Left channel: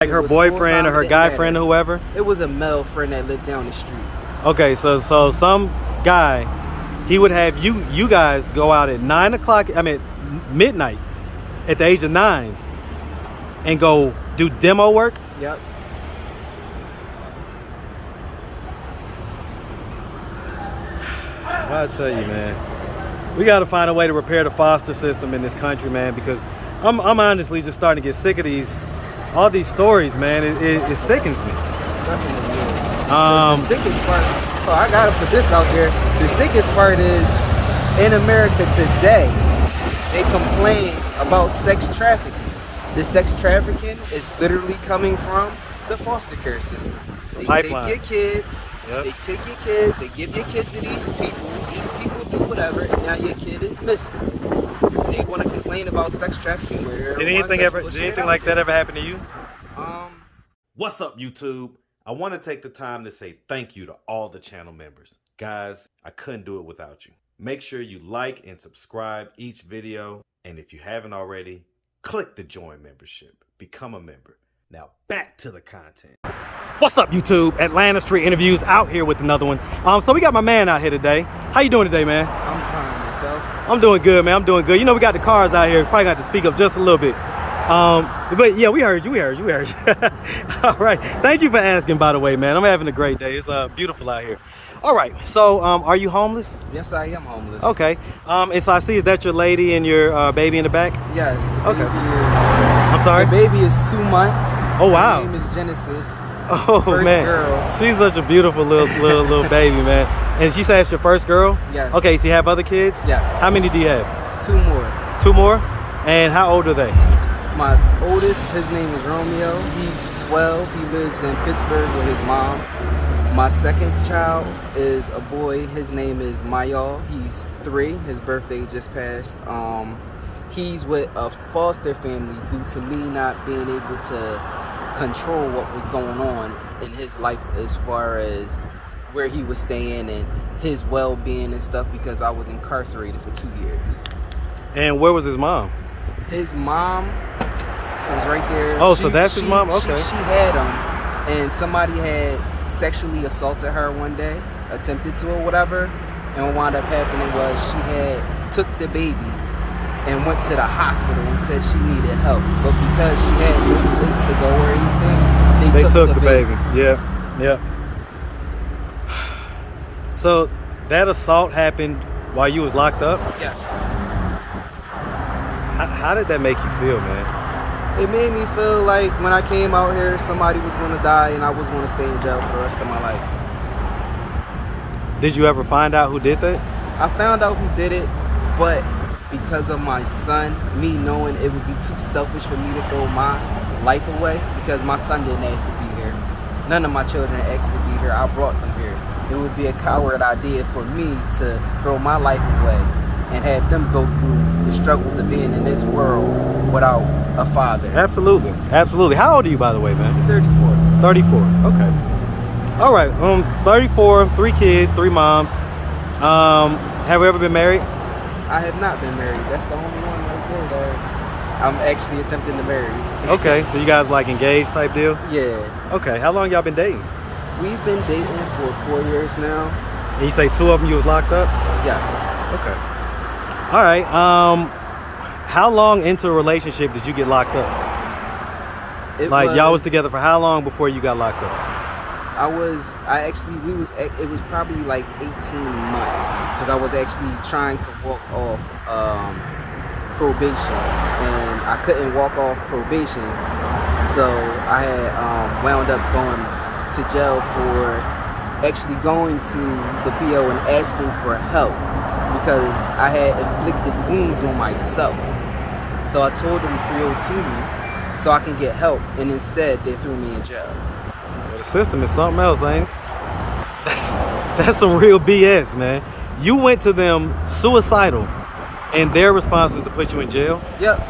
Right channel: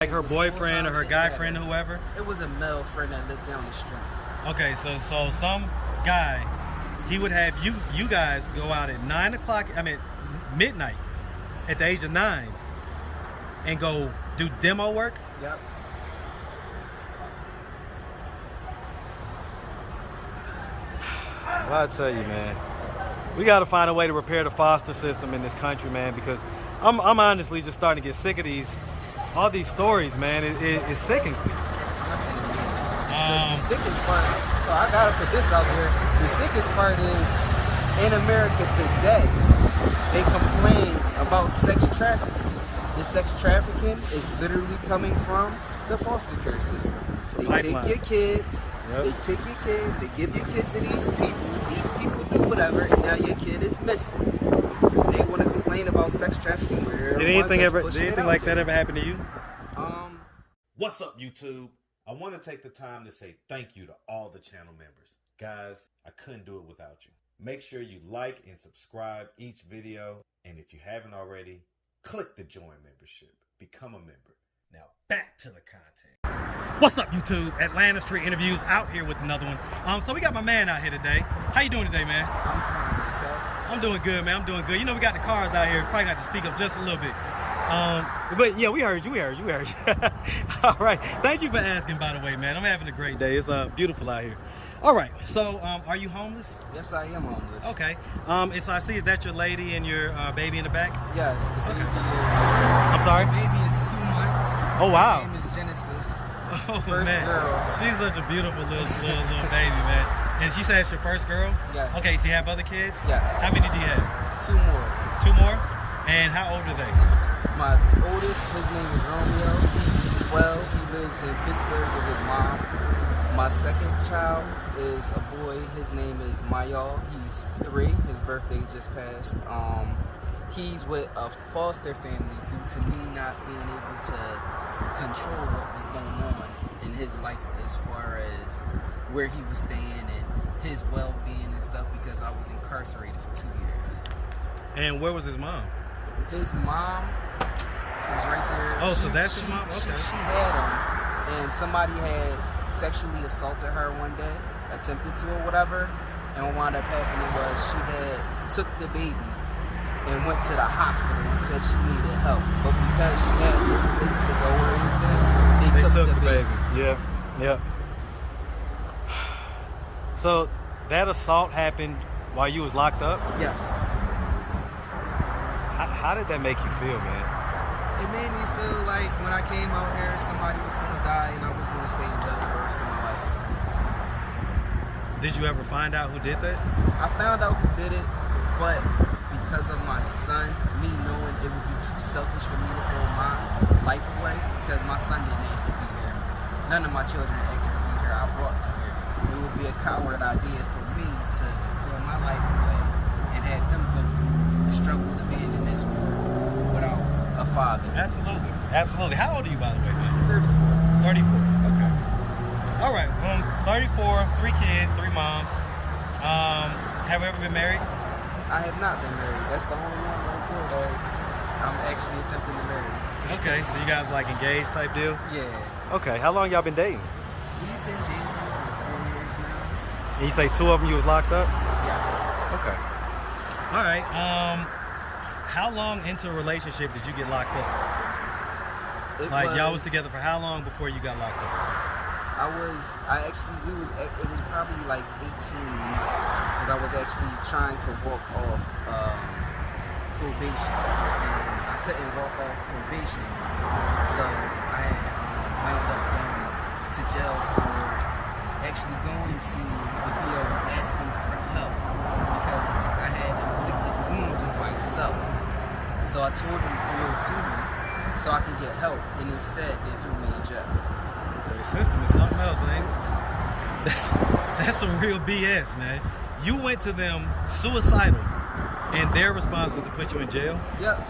Like her boyfriend or her guy friend or whoever? It was a male friend that lived down the street. Okay, so some guy, he would have you guys go out at 9 o'clock, I mean midnight, at the age of 9, and go do demo work? Yep. Well, I tell you, man, we got to find a way to repair the foster system in this country, man, because I'm honestly just starting to get sick of all these stories, man. It sickens me. Definitely is. The sickest part, I gotta put this out there. The sickest part is, in America today, they complain about sex trafficking. The sex trafficking is literally coming from the foster care system. They take your kids. Yep. They take your kids, they give your kids to these people do whatever, and now your kid is missing. And they want to complain about sex trafficking where Did anything like that ever happen to you? What's up, YouTube? I want to take the time to say thank you to all the channel members. Guys, I couldn't do it without you. Make sure you like and subscribe each video, and if you haven't already, click the join membership. Become a member. Now back to the content. What's up, YouTube? Atlanta Street Interviews out here with another one. So we got my man out here today. How you doing today, man? I'm fine. Yourself? I'm doing good, man. I'm doing good. You know, we got the cars out here. Probably got to speak up just a little bit. But yeah, we heard you. All right. Thank you for asking, by the way, man. I'm having a great day. It's beautiful out here. All right. So, are you homeless? Yes, I am homeless. Okay. And so I see, is that your lady and your baby in the back? Yes. The baby is. I'm sorry? The baby is 2 months. Oh, wow. Her name is Genesis. Oh, first man. Girl. She's such a beautiful little baby, man. And she said it's your first girl? Yes. Okay, so you have other kids? Yes. How many do you have? 2 more. 2 more? And how old are they? My oldest, his name is Romeo. He's 12. He lives in Pittsburgh with his mom. My second child is a boy. His name is Mayal. He's 3. His birthday just passed. He's with a foster family due to me not being able to control what was going on in his life as far as where he was staying and his well-being and stuff, because I was incarcerated for 2 years. And where was his mom? His mom was right there. Oh, so that's his mom? Okay. She had him, and somebody had sexually assaulted her one day, attempted to or whatever, and what wound up happening was she had took the baby and went to the hospital and said she needed help, but because she had no place to go or anything, they took the baby. Yeah. So that assault happened while you was locked up? Yes. How did that make you feel, man? It made me feel like when I came out here, somebody was going to die and I was going to stay in jail for the rest of my life. Did you ever find out who did that? I found out who did it, but because of my son, me knowing it would be too selfish for me to throw my life away, because my son didn't ask to be here. None of my children asked to be here. I brought them here. It would be a coward idea for me to throw my life away and have them go through the struggles of being in this world without a father. Absolutely. How old are you, by the way, man? I'm 34. 34. Okay. All right. 34, 3 kids, 3 moms. Have you ever been married? I have not been married. That's the only one right there that I'm actually attempting to marry. Okay, so you guys like engaged type deal? Yeah. Okay, how long y'all been dating? We've been dating for 4 years now. And you say 2 of them you was locked up? Yes. Okay. All right. How long into a relationship did you get locked up? Y'all was together for how long before you got locked up? It was probably like 18 months, because I was actually trying to walk off probation, and I couldn't walk off probation, so I had wound up going to jail for actually going to the PO and asking for help, because I had inflicted wounds on myself. So I told them 302 me so I can get help, and instead they threw me in jail. Well, the system is something else, ain't it? That's some real BS, man. You went to them suicidal, and their response was to put you in jail? Yep.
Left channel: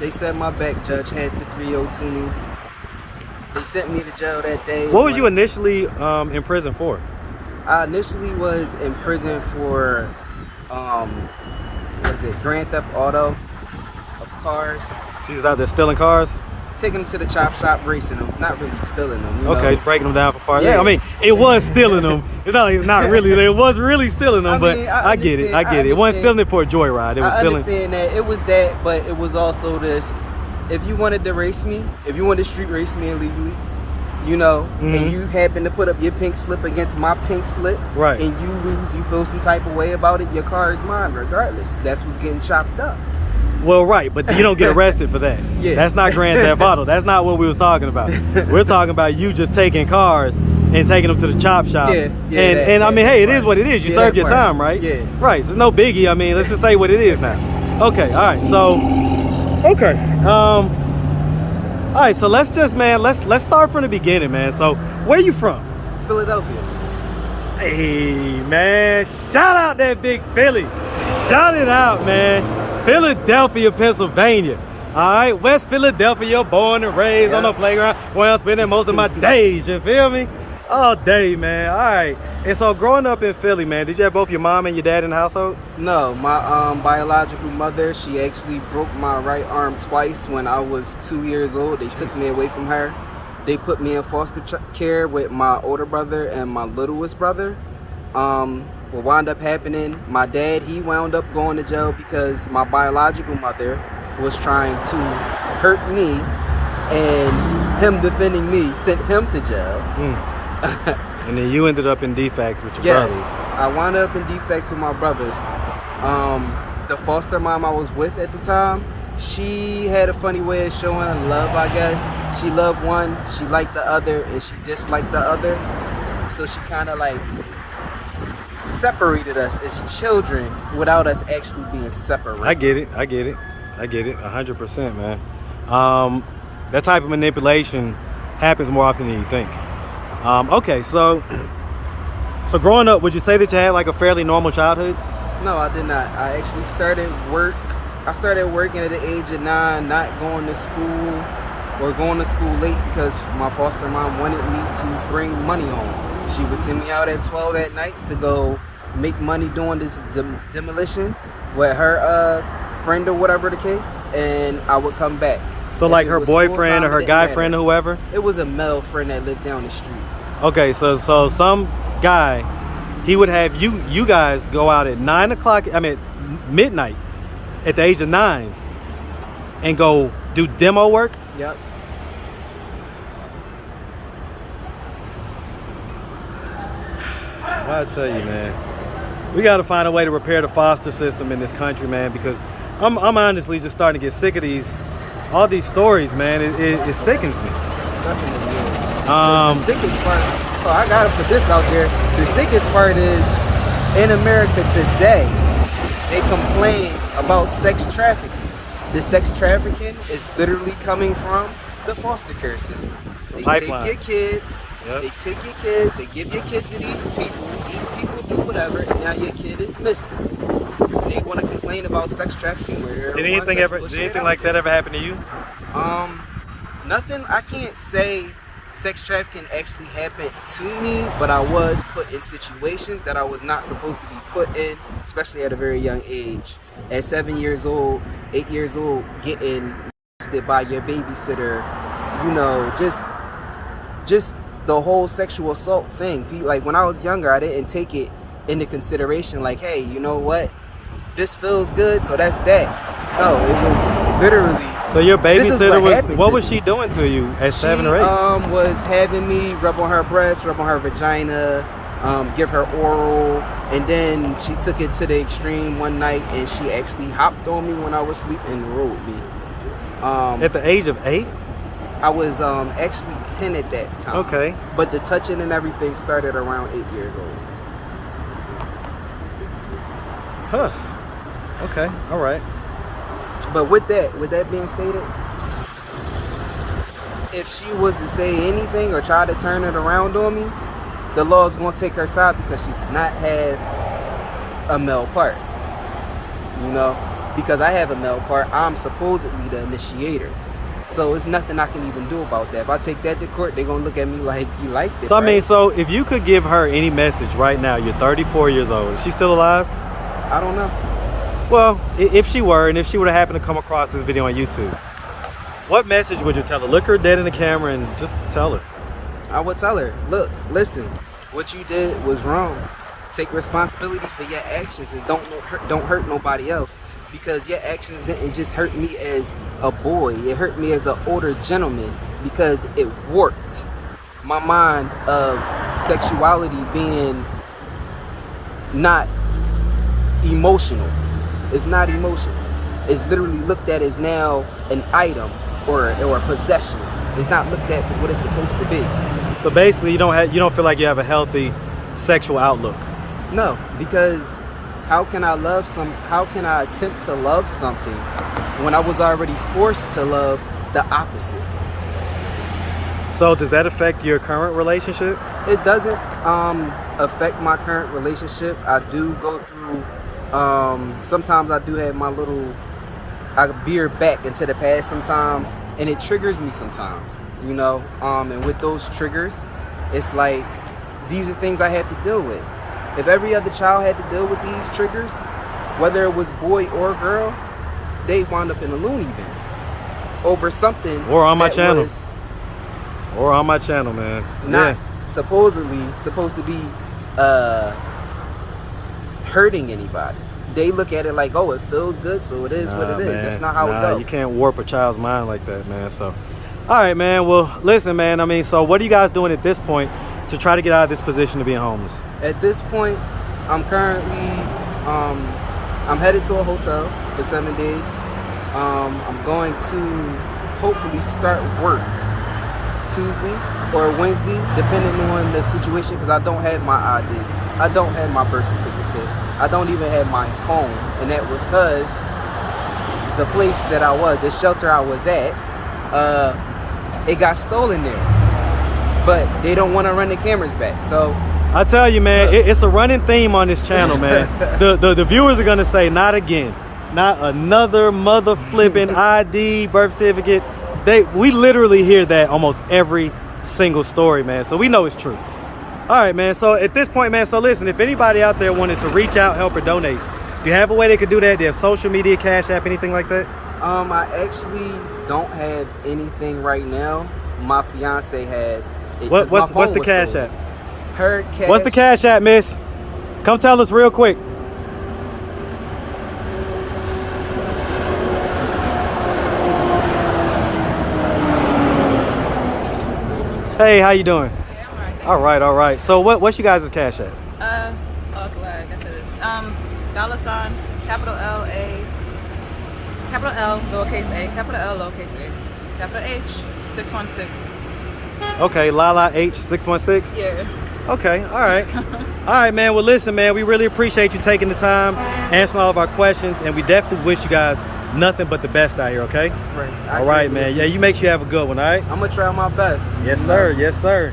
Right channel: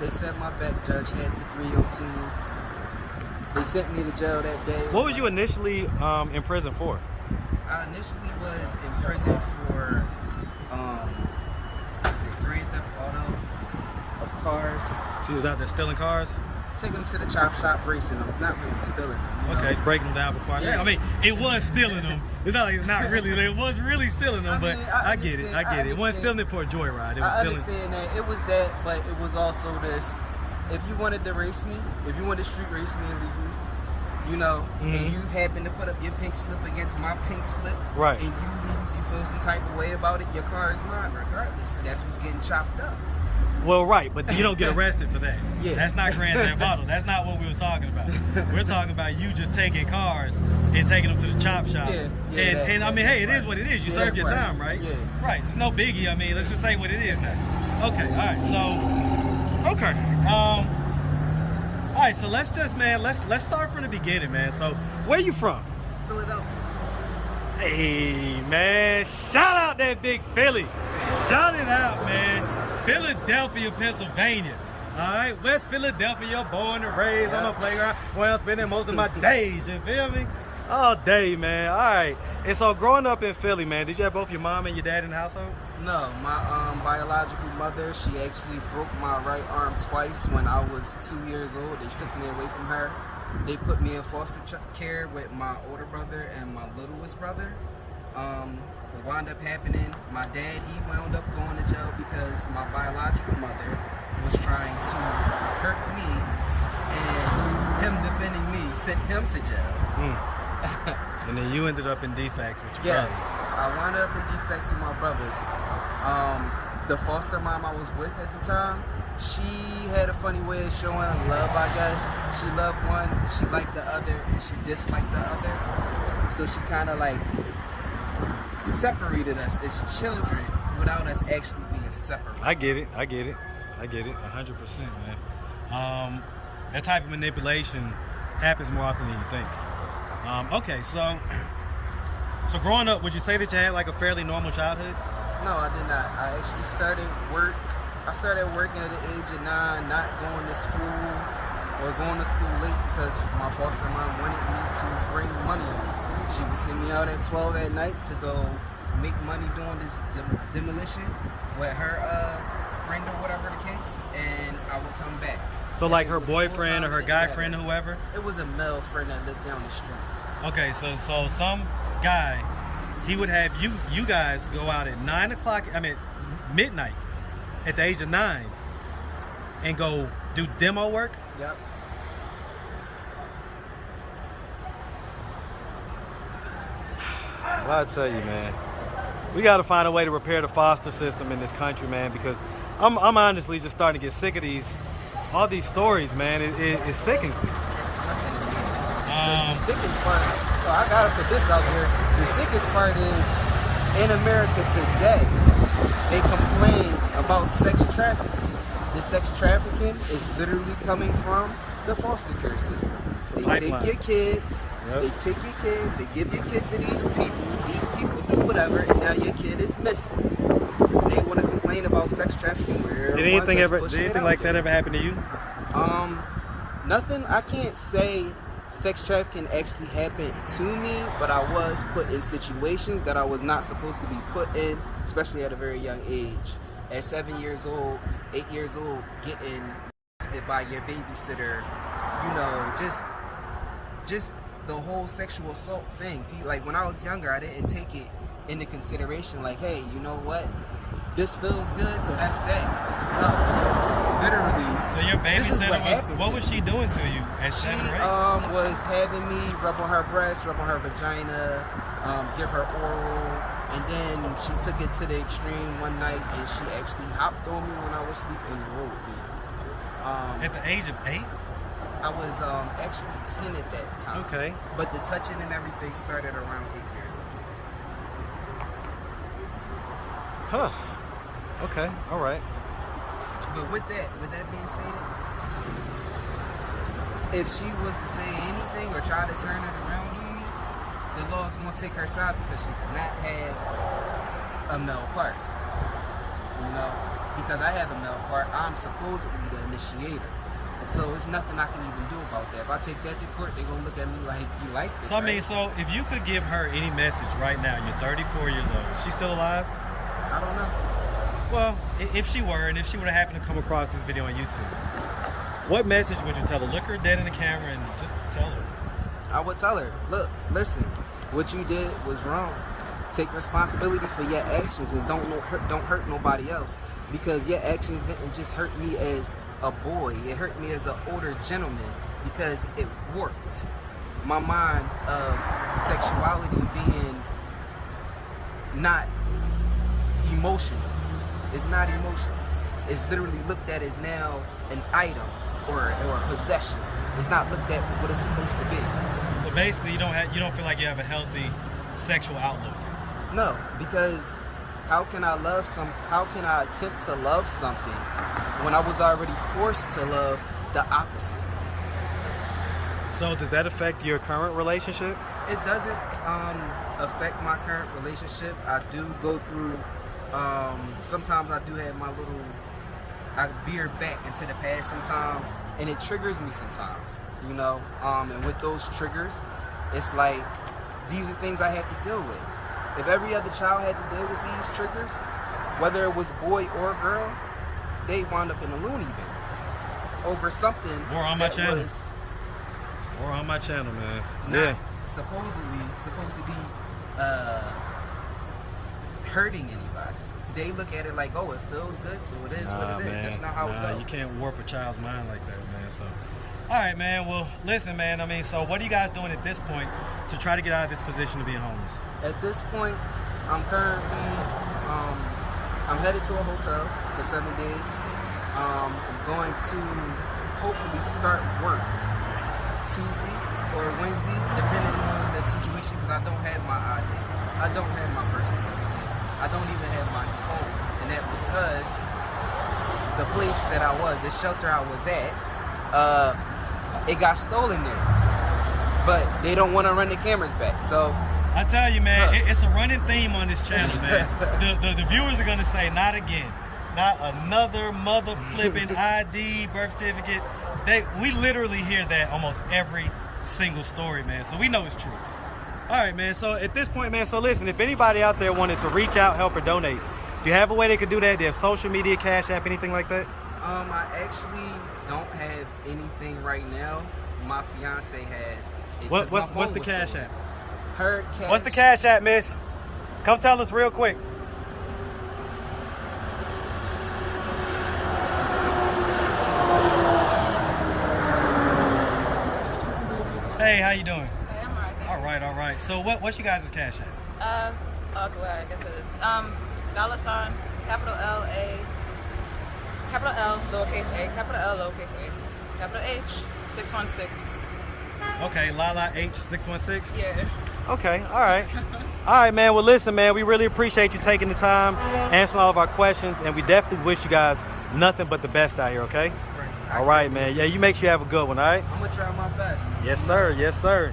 They said my back judge had to 302 me. They sent me to jail that day. What was you initially in prison for? I initially was in prison for, Grand Theft Auto of cars. She was out there stealing cars? taking them to the chop shop, racing them, not really stealing them. You Okay, know? breaking them down for parts. Yeah. I mean, it was stealing them. It's not, like it's not really. It was really stealing them, but mean, I get it. I get it. It wasn't stealing it for a joyride. It was I stealing. understand that. It was that, but it was also this. If you wanted to race me, if you wanted to street race me illegally, you know, and you happen to put up your pink slip against my pink slip, Right. and you lose, you feel some type of way about it, your car is mine regardless. That's what's getting chopped up. Well, right, but you don't get arrested for that. Yeah. That's not Grand Theft Auto. That's not what we was talking about. We're talking about you just taking cars and taking them to the chop shop. Yeah, and I mean, hey, it is what it is. You served your time, right? Yeah. Right. So there's no biggie. I mean, let's just say what it is now. Okay. All right. So, okay. All right. So let's just, man, let's start from the beginning, man. So where you from? Philadelphia. Hey, man. Shout out that big Philly. Shout it out, man. Philadelphia, Pennsylvania. All right, West Philadelphia, born and raised on the playground where I'm spending most of my days, you feel me? All day, man. All right. And so growing up in Philly, man, did you have both your mom and your dad in the household? No, my biological mother, she actually broke my right arm twice when I was 2 years old. They took me away from her. They put me in foster care with my older brother and my littlest brother. What wound up happening, my dad, he wound up going to jail because my biological mother was trying to hurt me, and him defending me sent him to jail. And then you ended up in defects with your Yes, brothers. I wound up in defects with my brothers. The foster mom I was with at the time, she had a funny way of showing love, I guess. She loved one, she liked the other, and she disliked the other. So she kind of like separated us as children without us actually being separate. I get it. 100%, man. That type of manipulation happens more often than you think. Okay, so growing up, would you say that you had like a fairly normal childhood? No, I did not. I actually started work. I started working at the age of 9, not going to school or going to school late because my foster mom wanted me to bring money home. She would send me out at 12 at night to go make money doing this demolition with her friend or whatever the case, and I would come back. So If like it her was school boyfriend time, or it her didn't guy matter. friend or whoever? It was a male friend that lived down the street. Okay, so some guy, he would have you guys go out at 9 o'clock, I mean midnight, at the age of 9, and go do demo work? Yep. Well, I tell you, man, we got to find a way to repair the foster system in this country, man, because I'm honestly just starting to get sick of all these stories, man. It sickens me. Definitely is. The sickest part, I gotta put this out there. The sickest part is in America today, they complain about sex trafficking. The sex trafficking is literally coming from the foster care system. They pipeline. take your kids, Yep. they take your kids, they give your kids to these people do whatever, and now your kid is missing. And they want to complain about sex trafficking where Did anything like that ever happen to you? Nothing. I can't say sex trafficking actually happened to me, but I was put in situations that I was not supposed to be put in, especially at a very young age. At 7 years old, 8 years old, getting molested by your babysitter, you know, just the whole sexual assault thing. Like when I was younger, I didn't take it into consideration. Like, hey, you know what? This feels good, so that's that. No, it was literally. So your This is babysitter what to was me. she doing to you at 7 or 8? She was having me rub on her breast, rub on her vagina, give her oral, and then she took it to the extreme one night and she actually hopped on me when I was asleep and rode me. At the age of 8? I was actually 10 at that time. Okay. But the touching and everything started around 8 years old. Huh. Okay. All right. But with that being stated, if she was to say anything or try to turn it around on me, the law is going to take her side because she does not have a male part. You know? Because I have a male part, I'm supposedly the initiator. So it's nothing I can even do about that. If I take that to court, they're going to look at me like, you liked it, So, I mean, right? so if you could give her any message right now, you're 34 years old. Is she still alive? I don't know. Well, if she were, and if she would have happened to come across this video on YouTube, What message would you tell her? Look her dead in the camera and just tell her. I would tell her, look, listen, what you did was wrong. Take responsibility for your actions and don't hurt nobody else, because your actions didn't just hurt me as a boy, it hurt me as an older gentleman, because it warped my mind of sexuality being not emotional. It's not emotional. It's literally looked at as now an item or a possession. It's not looked at for what it's supposed to be. So basically, you don't feel like you have a healthy sexual outlook. No, because how can I attempt to love something when I was already forced to love the opposite? So does that affect your current relationship? It doesn't affect my current relationship. I do go through, sometimes I do have I veer back into the past sometimes, and it triggers me sometimes, you know, and with those triggers, it's like, these are things I have to deal with. If every other child had to deal with these triggers, whether it was boy or girl, they wound up in a loony bin over something or on my channel. Was or on my channel, man. Not supposedly supposed to be hurting anybody. They look at it like, oh, it feels good, so it is what it is. Man. That's not how it goes. You can't warp a child's mind like that, man. So, all right, man. Well, listen, man. I mean, so what are you guys doing at this point to try to get out of this position of being homeless? At this point, I'm currently, I'm headed to a hotel for 7 days. I'm going to hopefully start work Tuesday or Wednesday, depending on the situation, because I don't have my ID. I don't have my birth certificate. I don't even have my phone, and that was because the place that I was, the shelter I was at, it got stolen there. But they don't want to run the cameras back, so I tell you, man, it's a running theme on this channel, man. the viewers are gonna say, not again, not another mother flipping ID, birth certificate. We literally hear that almost every single story, man. So we know it's true. All right, man. So at this point, man, so listen, if anybody out there wanted to reach out, help, or donate, do you have a way they could do that? Do you have social media, Cash App, anything like that? I actually don't have anything right now. My fiance has. What's the Cash App? Her cash. What's the Cash App, miss? Come tell us real quick. Hey, how you doing? Hey, I'm alright. All right. So what's you guys' Cash App? Okay, well, I guess it is. $, capital L, A, capital L, lowercase a, capital L, lowercase a, capital H, 616. Okay, Lala H 616. Yeah. Okay, all right. All right, man. Well, listen, man, we really appreciate you taking the time, answering all of our questions, and we definitely wish you guys nothing but the best out here, okay? Right. All right, man. Yeah, you make sure you have a good one, all right? I'm gonna try my best. Yes, sir. Yes, sir.